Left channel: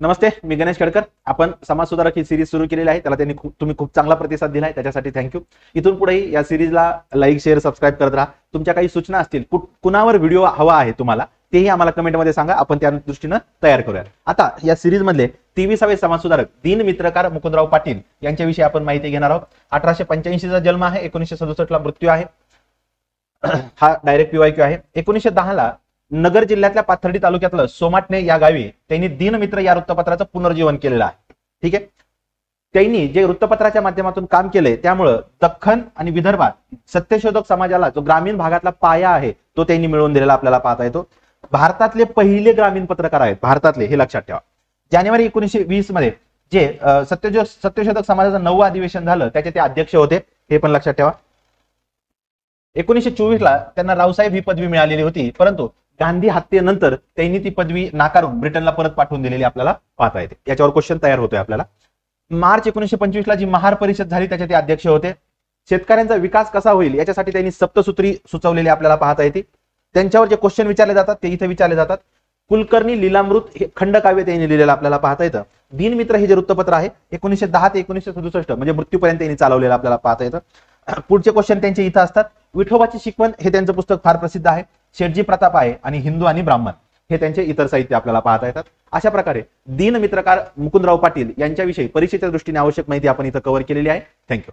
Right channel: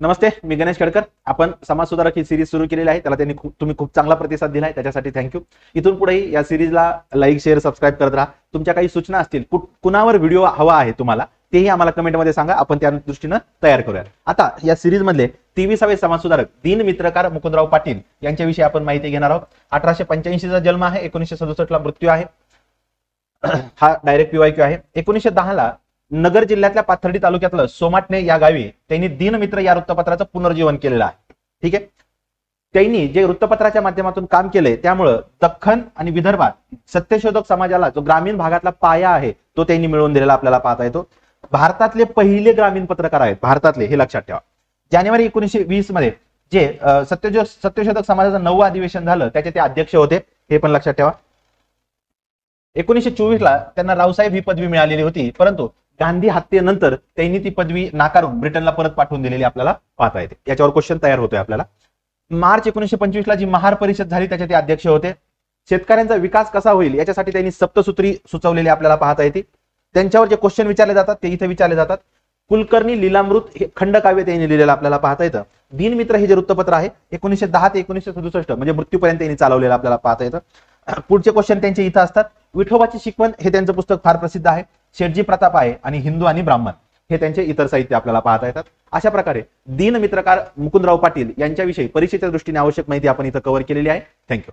नमस्ते, मी गणेश खडकर. आपण समाज सुधारक ही सिरीज सुरू केलेली आहे. त्याला तुम्ही खूप चांगला प्रतिसाद दिलाय, त्याच्यासाठी थँक्यू. इथून पुढेही या सिरीजला लाईक, शेअर, सबस्क्राईब करत राहा. तुमच्या काही सूचना असतील, कुणावर व्हिडिओ हवा आहे तुम्हाला, तेही आम्हाला कमेंटमध्ये सांगा. आपण त्या दृष्टीनं तयार करूया. आता या सिरीज मधले 23वे समाज सुधारक दीनमित्रकार मुकुंदराव पाटील यांच्याविषयी आपण माहिती घेणार आहोत. 1885 चा जन्म आहे, 1967 ला मृत्यू आहे. हा डायरेक्ट पीवायक्यू आहे. 1910 ला नगर जिल्ह्यातल्या पाथर्डी तालुक्यातलं सोमाटणे या गावी त्यांनी दीनमित्र या वृत्तपत्राचं पुनर्जीवन केलेलं आहे. ठीक आहे. त्यांनी जे वृत्तपत्राच्या माध्यमातून काम केलंय त्यामुळं दख्खन आणि विदर्भात सत्यशोधक समाजाला जो ग्रामीण भागातला पाया आहे तो त्यांनी मिळवून दिलेला आपल्याला पाहता येतो. भारतातले पहिले ग्रामीण पत्रकार आहेत, भारतातले, हे लक्षात ठेवा. जानेवारी 1920 मध्ये जे सत्यशोधक समाजाचं 9वं अधिवेशन झालं त्याचे ते अध्यक्ष होते, हे पण लक्षात ठेवा. 1924 ला त्यांना रावसाहेब ही पदवी मिळालेली होती, परंतु गांधी हत्येनंतर त्यांनी ती पदवी नाकारून ब्रिटनला परत पाठवून दिलेली आपल्याला पाहता येते. त्याच्यावर क्वेश्चन तयार होतो आपल्याला. मार्च 1925 ला जी महार परिषद झाली त्याचे ते अध्यक्ष होते. शेतकऱ्यांचा विकास कसा होईल याच्यासाठी त्यांनी सप्तसूत्री सुचवलेली आपल्याला पाहता येते. त्यांच्यावर जे क्वेश्चन विचारले जातात ते इथे विचारले जातात. कुलकर्णी लीलामृत हे खंडकाव्य त्यांनी लिहिलेलं आपल्याला पाहता येतं. दीनमित्र हे जे वृत्तपत्र आहे 1910 ते 1967 म्हणजे मृत्यूपर्यंत त्यांनी चालवलेलं आपल्याला पाहता येतं. पुढचे क्वेश्चन त्यांचे इथं असतात. विठोबाची शिकवण हे त्यांचं पुस्तक फार प्रसिद्ध आहे. शेटजी प्रताप आहे आणि हिंदू आणि ब्राह्मण हे त्यांचे इतर साहित्य आपल्याला पाहता येतात. अशा प्रकारे दीनमित्रकार मुकुंदराव पाटील यांच्याविषयी परीक्षेच्या दृष्टीने आवश्यक माहिती आपण इथं कव्हर केलेली आहे. थँक्यू.